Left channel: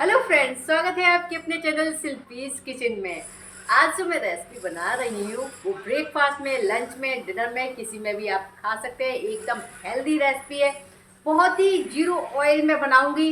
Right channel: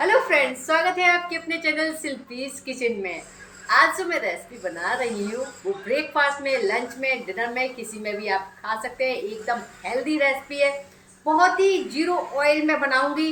Hello friends, स्वागत है आपके अपने चैनल शिल्पीज किचन में। आज जो मैं रेसिपी बना रही हूँ वो ब्रेकफास्ट में, लंच में, डिनर में, किसी में भी आप खा सकते हैं। एकदम हेल्दी रेसिपी है, बहुत ही जीरो ऑयल में बनाऊंगी।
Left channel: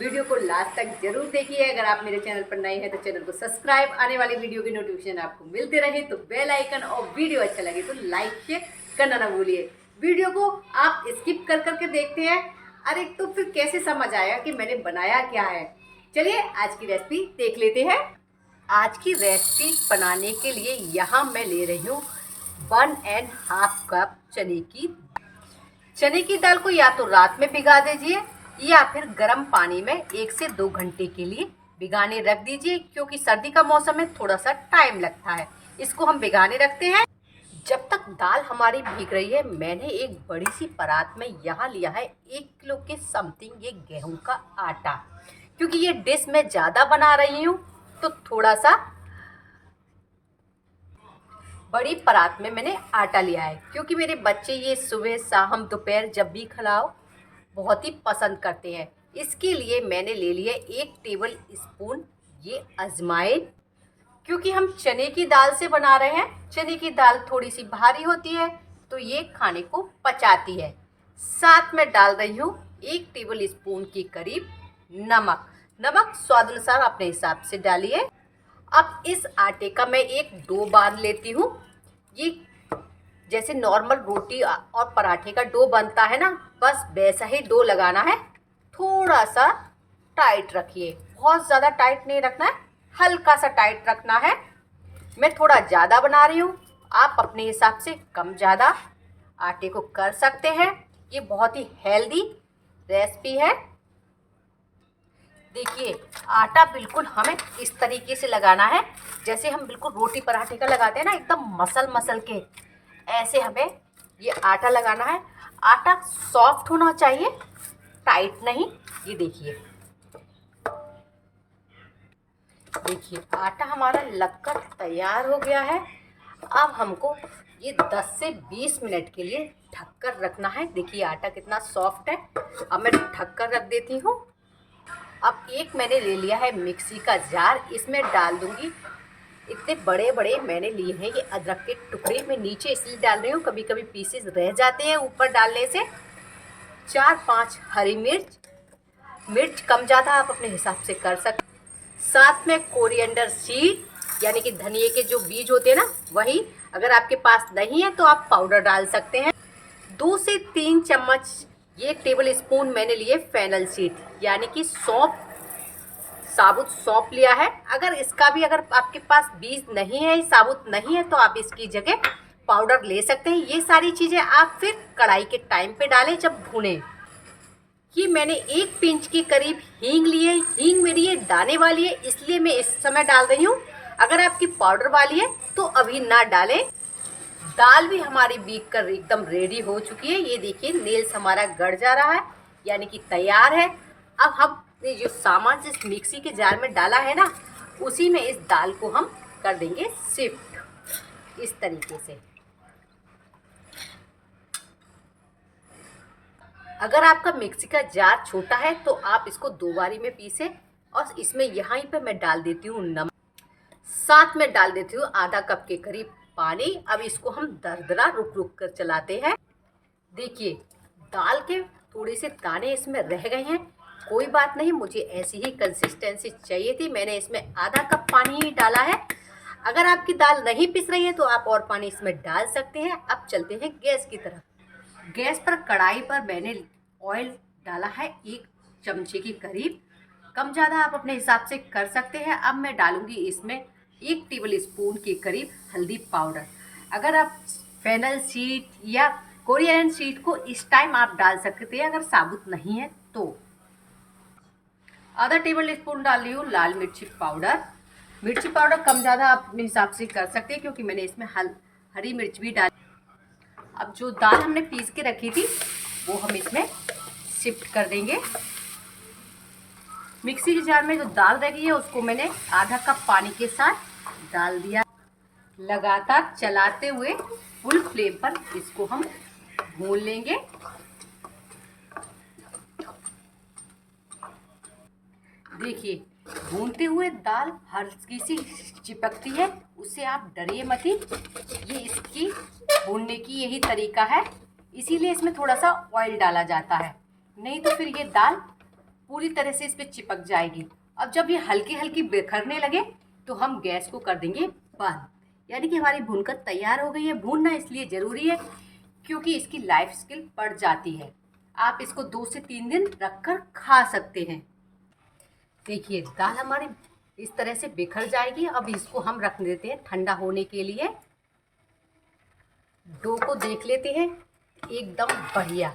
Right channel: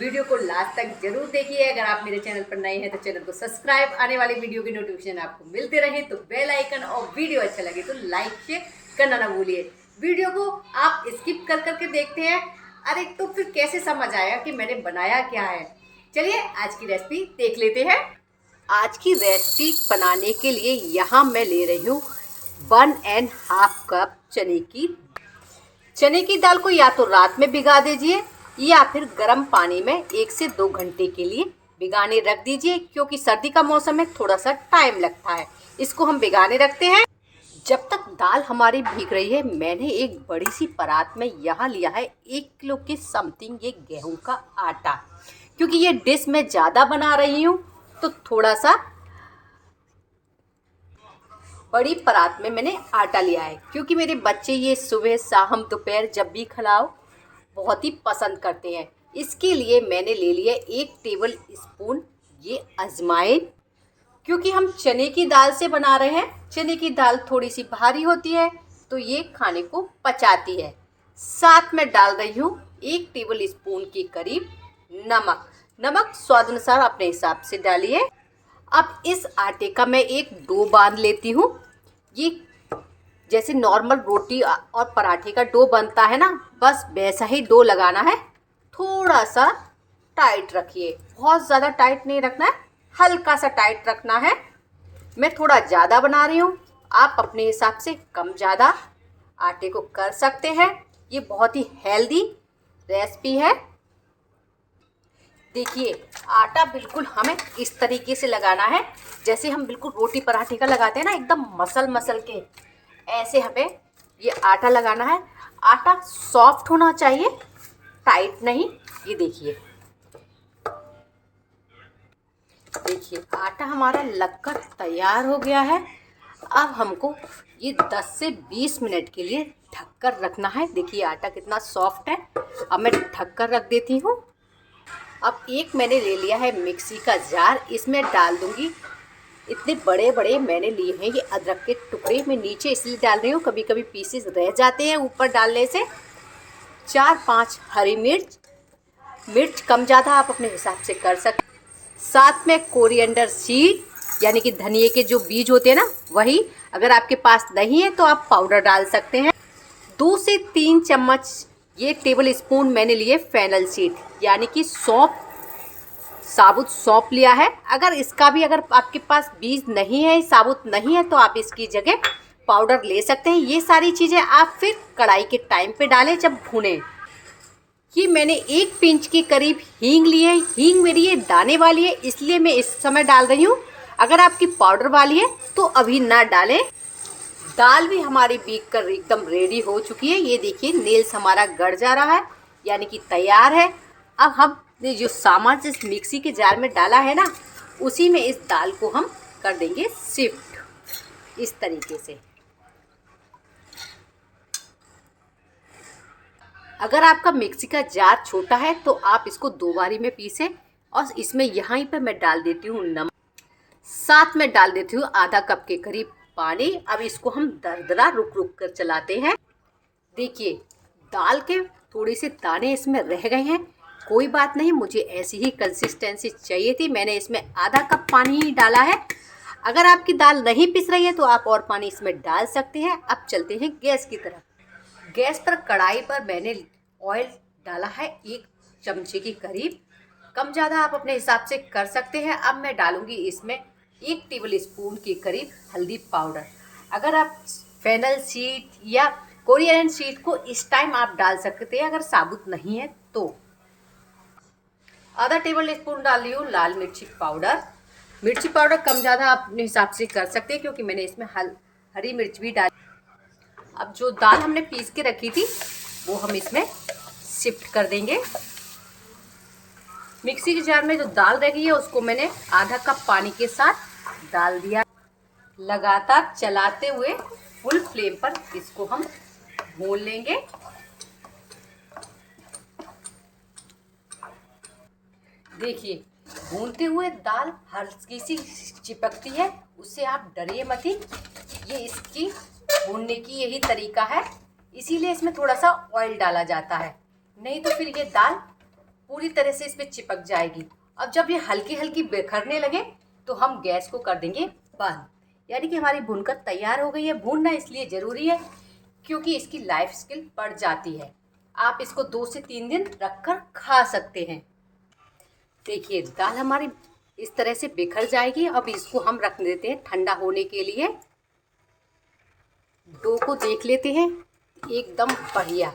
वीडियो को लास्ट तक जरूर देखिए। अगर आप मेरे चैनल पर नए हैं तो चैनल को सब्सक्राइब, आने वाली वीडियो की नोटिफिकेशन आपको मिलते रहे तो बेल आइकन, और वीडियो अच्छा लगे तो लाइक शेयर करना ना भूलिए। वीडियो को आप स्किप कर करके देखते हैं, अरे तो फिर कैसे समझ आया कि मैंने बनाया क्या है। चलिए आज की रेसिपी देख लेते हैं। आज की रेसिपी बनाने के लिए यहाँ मैं ले रही हूँ 1.5 कप चने की दाल को या तो रात में भिगा दीजिए या फिर गर्म पानी में 1 से 2 घंटे के लिए भिगाने रख दीजिए, क्योंकि सर्दी का मौसम में थोड़ा सा टाइम लगता है। इसको हम भिगाने रखते हैं। जब तक दाल हमारी भीग रही है, मैंने एक बड़ी सी परात में यहाँ लिया है 1 किलो के समथिंग ये गेहूं का आटा। क्योंकि ये डिश मैं ज़्यादा बना रही हूँ तो थोड़ा सा बड़ी परात में मैंने आटा लिया है, क्योंकि मेरे बच्चे ये सुबह शाम दोपहर जब भी खिलाओ बहुत ही पसंद करते हैं। इसके लिए मैंने ले लिया 1 टेबल स्पून ये अजवाइन। क्योंकि हम चने की दाल से बना रहे हैं, चने की दाल थोड़ी सी भारी होती है तो ये खाने को पचाती है। साथ में डाल रही हूँ 1 टेबल स्पून के करीब नमक। नमक स्वाद अनुसार अपने हिसाब से डालिए। अब इस आटे का मैं एक डो बांध लेती हूँ। ये जैसे नॉर्मल रोटी और पराठे का डो बनता है ना, बस वैसा ही डो लगाना है। थोड़ा सा टाइट रखिए, बहुत ज़्यादा टाइट नहीं रखना है, हल्का सा टाइट रखना है। मैं थोड़ा ज़्यादा बना रही हूँ, आप अपने हिसाब से कम ज़्यादा आटे को कर सकते हैं। ये बहुत ही हेल्दी रेसिपी है। देखिए आटा बिल्कुल हमें इस तरीके से लगाना है जैसे हम बिल्कुल रोटी पराठे का लगाते हैं ना, एकदम मसल मसल के ऐसे हमें ये आटा लगाना है। आटा सॉफ्ट होना चाहिए, टाइट नहीं। ये देखिए देखिए आटा हमारा लगकर तैयार हो गया है। अब हमको ये 10 से 20 मिनट के लिए ढककर रखना है। देखिए आटा कितना सॉफ्ट है। अब मैं ढककर रख देती हूँ। अब एक मैंने ले लिया है मिक्सी का जार, इसमें डाल दूंगी इतने बड़े बड़े मैंने लिए हैं ये अदरक के टुकड़े। मैं नीचे इसलिए डाल रही हूँ, कभी कभी पीसेस रह जाते हैं ऊपर डालने से। 4-5 हरी मिर्च, मिर्च कम ज़्यादा आप अपने हिसाब से कर सकते। साथ में कोरिएंडर सीड यानी कि धनिए के जो बीज होते हैं ना, वही। अगर आपके पास नहीं है तो आप पाउडर डाल सकते हैं। 2 से 3 चम्मच ये टेबल स्पून मैंने लिए फेनल सीड यानी कि सौंफ, साबुत सौंफ लिया है। अगर इसका भी अगर आपके पास बीज नहीं है, साबुत नहीं है, तो आप इसकी जगह पाउडर ले सकते हैं। ये सारी चीज़ें आप फिर कढ़ाई के टाइम पे डालें जब भूनें। ये मैंने 1 पिंच के करीब हींग ली है। हींग मेरी ये दाने वाली है इसलिए मैं इस समय डाल रही हूँ। अगर आपकी पाउडर वाली है तो अभी ना डालें। दाल भी हमारी बीक कर एकदम रेडी हो चुकी है। ये देखिए नेल्स हमारा गड़ जा रहा है, यानी कि तैयार है। अब हमने जो सामान जिस मिक्सी के जार में डाला है ना, उसी में इस दाल को हम कर देंगे शिफ्ट इस तरीके से। अगर आपका मिक्सी का जार छोटा है तो आप इसको 2 बारी में पीसें। और इसमें यहाँ पे मैं डाल देती हूँ नमक, साथ में डाल देती हूँ आधा कप के करीब पानी। अब इसको हम दरदरा रुक रुक कर चलाते हैं। देखिए दाल के थोड़े से दाने इसमें रह गए हैं, कोई बात नहीं, मुझे ऐसी ही कंसिस्टेंसी चाहिए थी। मैंने इसमें आधा कप पानी ही डाला है। अगर आपकी दाल नहीं पिस रही है तो आप और पानी इसमें डाल सकते हैं। अब चलते हैं गैस की तरफ। गैस पर कढ़ाई पर मैंने ऑयल डाला है 1 चमचे की करीब, कम ज़्यादा आप अपने हिसाब से कर सकते हैं। अब मैं डालूंगी इसमें 1 टेबल स्पून के करीब हल्दी पाउडर। अगर आप फेनल सीड या कोरिएंडर सीड को इस टाइम आप डाल सकते हैं, अगर साबुत नहीं है तो। आधा टेबल स्पून डाल रही हूँ लाल मिर्ची पाउडर। मिर्ची पाउडर कम ज़्यादा आप अपने हिसाब से कर सकते हैं, क्योंकि मैंने इसमें हरी मिर्च भी डाली। अब जो दाल हमने पीस के रखी थी वो हम इसमें शिफ्ट कर देंगे। मिक्सी के जार में जो दाल रह गई है उसको मैंने आधा कप पानी के साथ डाल दिया। लगातार चलाते हुए फुल फ्लेम पर इसको हम भून लेंगे। देखिए भूनते हुए दाल हल्की सी चिपकती है, उससे आप डरिए मत ही। ये इसकी भूनने की यही तरीका है, इसीलिए इसमें थोड़ा सा ऑयल डाला जाता है, नहीं तो फिर ये दाल पूरी तरह से इस पर चिपक जाएगी। अब जब ये हल्की हल्की बिखरने लगे तो हम गैस को कर देंगे बंद, यानी कि हमारी भूनकर तैयार हो गई है। भूनना इसलिए ज़रूरी है क्योंकि इसकी लाइफ स्किल बढ़ जाती है। आप इसको 2 से 3 दिन रखकर खा सकते हैं। देखिए दाल हमारी इस तरह से बिखर जाएगी। अब इसको हम रख देते हैं ठंडा होने के लिए। डो को देख लेते हैं, एकदम बढ़िया।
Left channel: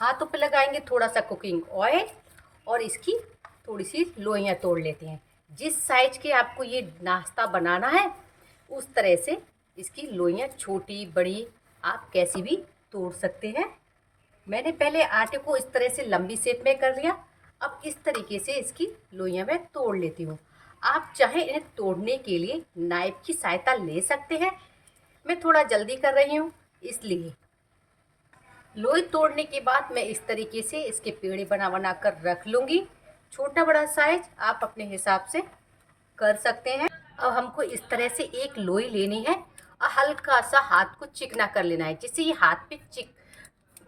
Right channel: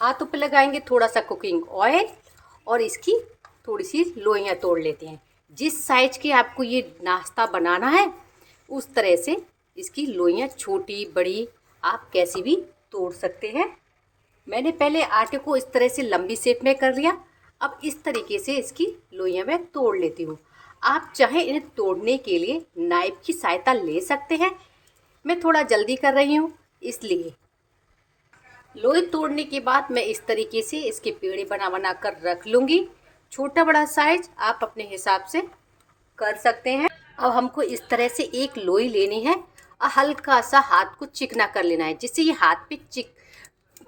हाथों पे लगाएंगे थोड़ा सा कुकिंग ऑयल और इसकी थोड़ी सी लोइयाँ तोड़ लेते हैं। जिस साइज के आपको ये नाश्ता बनाना है उस तरह से इसकी लोइयाँ छोटी बड़ी आप कैसी भी तोड़ सकते हैं। मैंने पहले आटे को इस तरह से लंबी शेप में कर लिया। अब इस तरीके से इसकी लोइयाँ मैं तोड़ लेती हूँ। आप चाहे इन्हें तोड़ने के लिए नाइफ की सहायता ले सकते हैं। मैं थोड़ा जल्दी कर रही हूँ इसलिए। लोई तोड़ने के बाद मैं इस तरीके से इसके पेड़े बना कर रख लूँगी। छोटा बड़ा साइज आप अपने हिसाब से कर सकते हैं। अब हमको इस तरह से एक लोई लेनी है और हल्का सा हाथ को चिकना कर लेना है, जिससे ये हाथ पे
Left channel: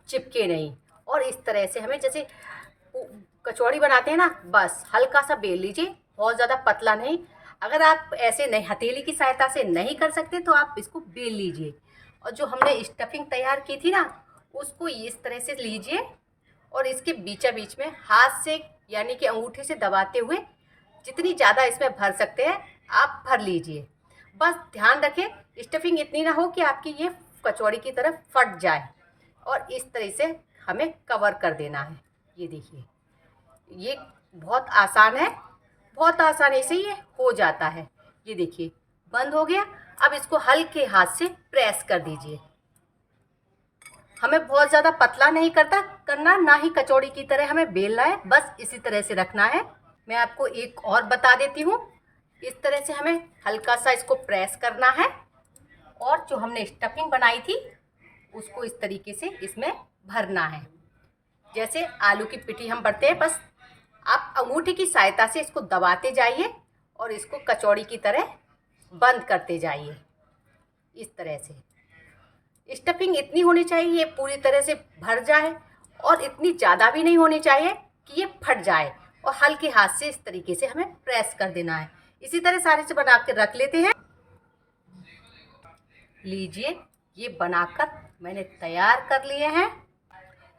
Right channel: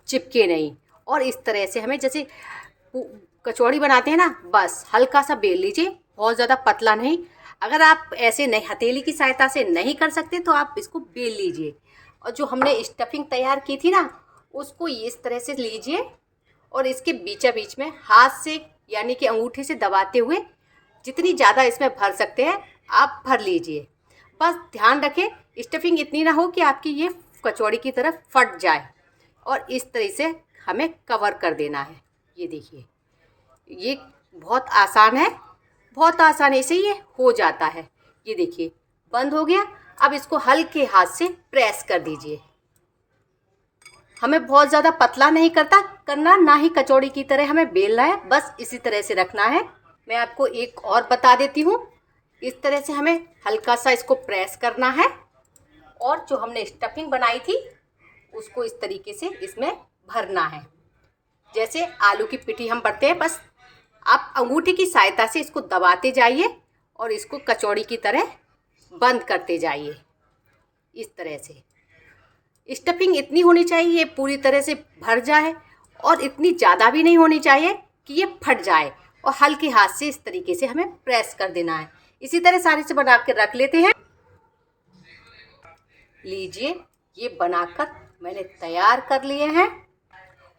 चिपके नहीं। और इस तरह से हमें जैसे कचौड़ी बनाते हैं ना, बस हल्का सा बेल लीजिए, बहुत ज़्यादा पतला नहीं। अगर आप ऐसे नहीं हथेली की सहायता से नहीं कर सकते तो आप इसको बेल लीजिए। और जो हमने स्टफिंग तैयार की थी ना, उसको इस तरह से लीजिए और इसके बीचा बीच में हाथ से यानी कि अंगूठे से दबाते हुए जितनी ज़्यादा इसमें भर सकते हैं आप भर लीजिए। बस ध्यान रखें स्टफिंग इतनी ना हो कि आपकी ये कचौड़ी की तरफ फट जाए। और इस तरह से हमें कवर कर देना है। ये देखिए ये बहुत आसान है, बहुत आसानी से ये हो जाता है। ये देखिए बंद हो गया। अब इसको हल्के हाथ से प्रेस कर दीजिए। हमें बहुत ज़्यादा पतला नहीं करना, ना ही कचौड़ी की तरह हमें बेलना है, बस इसी तरह से रखना है। मैं आपको एक और बता देती हूँ। इस तरह से हमें हल्का सा इसको प्रेस करना है और जो हमने स्टफिंग बनाई थी उसको इस तरीके से इसमें भरना है। जैसे आलू की पिठी हम भरते हैं, बस आप अंगूठे की सहायता से इसको दबाते जाइए और इसको कचौड़ी की तरह बंद करते जाइए। इस तरह से स्टफिंग इतनी होनी चाहिए ये पूरी तरह से भर जाए, और इतनी ज़्यादा भी नहीं होनी चाहिए कि ये फट जाए। और हल्के हाथ से इस तरीके से हमें प्रेस कर देना है। इसी तरह सारे से बना के रख लेते हैं। लीजिए ये बनाकर मैंने तैयार कर लिए हैं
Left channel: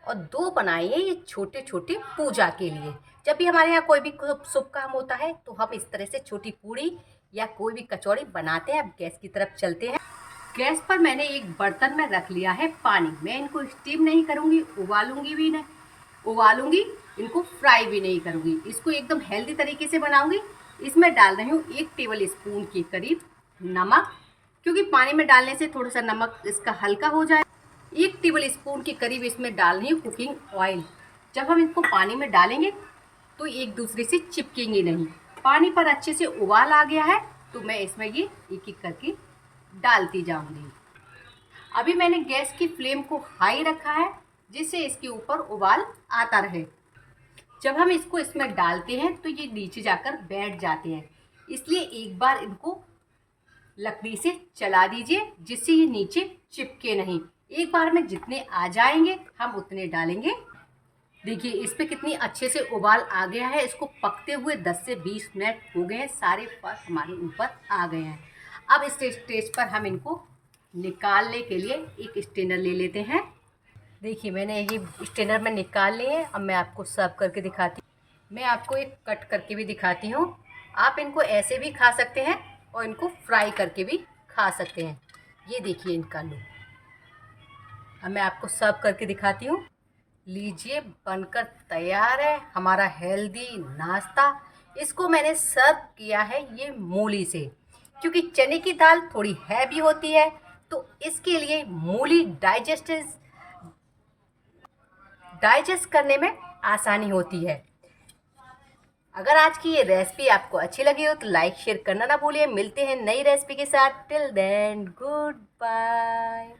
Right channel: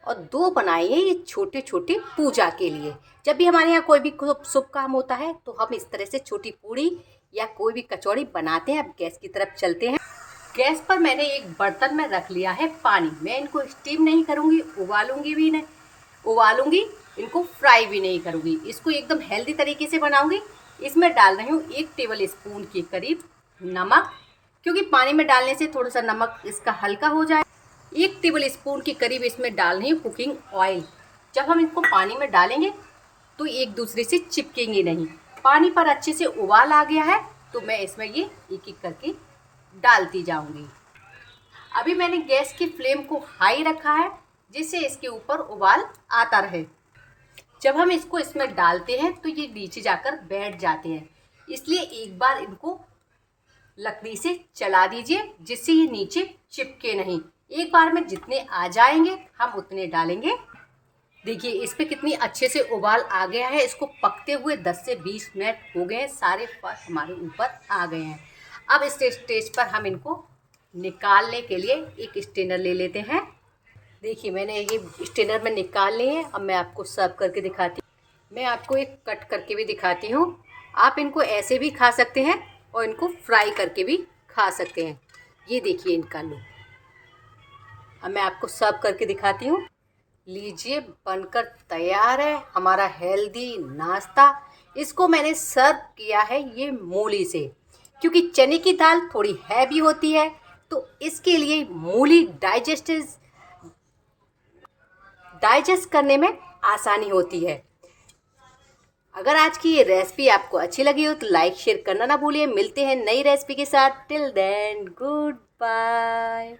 और 2 बनाए हैं ये छोटे छोटे पूजा के लिए। जब भी हमारे यहाँ कोई भी शुभ काम होता है तो हम इस तरह से छोटी पूड़ी या कोई भी कचौड़ी बनाते हैं। अब गैस की तरफ चलते हैं। गैस पर मैंने एक बर्तन में रख लिया है पानी। मैं इनको स्टीम नहीं करूँगी, उबालूंगी भी नहीं, उबालूंगी इनको, फ्राई भी नहीं करूँगी। इसको एकदम हेल्दी तरीके से बनाऊँगी। इसमें डाल रही हूँ 1 टेबल स्पून के करीब नमक, क्योंकि पानी में डालने से थोड़ा सा नमक इसका हल्का हो जाए। 1 टेबल स्पून के करीब इसमें डाल रही हूँ कुकिंग ऑयल। जब हम इनको पानी में डालेंगे तो एक दूसरे से चिपकेंगे नहीं। पानी पर अच्छे से उबाल आ गया है तो मैं इसमें ये एक एक करके डालती जाऊंगी। अभी मैंने गैस की फ्लेम को हाई रखा है जिससे इसके ऊपर उबाल आता रहे। जब हम इसको इसमें डालते हैं तो ये नीचे जाकर बैठ जाते हैं, इसलिए एक बार इनको लकड़ी से चला दीजिए जिससे ये नीचे चिपके नहीं। एक बार में जितने आ जाएंगे हम उतने डालेंगे। देखिए इस पे कितनी अच्छे से उबाल आ गया है। इसको पकते हुए 10 से 20 मिनट हो गए हैं, सारे फल हमारे ऊपर आ गए हैं। अब इस स्टेज पर हम इनको निकालने के लिए एक स्ट्रेनर ले लेते हैं। देखिए मैंने ये स्ट्रेनर में निकाल लिए हैं। अब मैं आपको सर्व करके दिखाती हूँ। मैं आपको एक कट करके भी दिखाती हूँ। आप इनको ऐसे भी खा सकते हैं और इनको फ्राई करके भी खा सकते हैं। ये देखिए इनका लुक। अब मैं आपको सर्व करके दिखाती हूँ। लीजिए बनकर तैयार है हमारा हेल्दी नाश्ता। इसको मैंने सर्व किया है ये मूली से, क्योंकि चने की दाल थोड़ी हैवी होती है तो इसके लिए मूली डाइजेस्ट करने में आसानी होती है। अगर आज की ये रेसिपी आपको अच्छी लगी हो तो लाइक शेयर करना ना भूलिए। मिलते हैं नई रेसिपी के साथ। Till then good bye.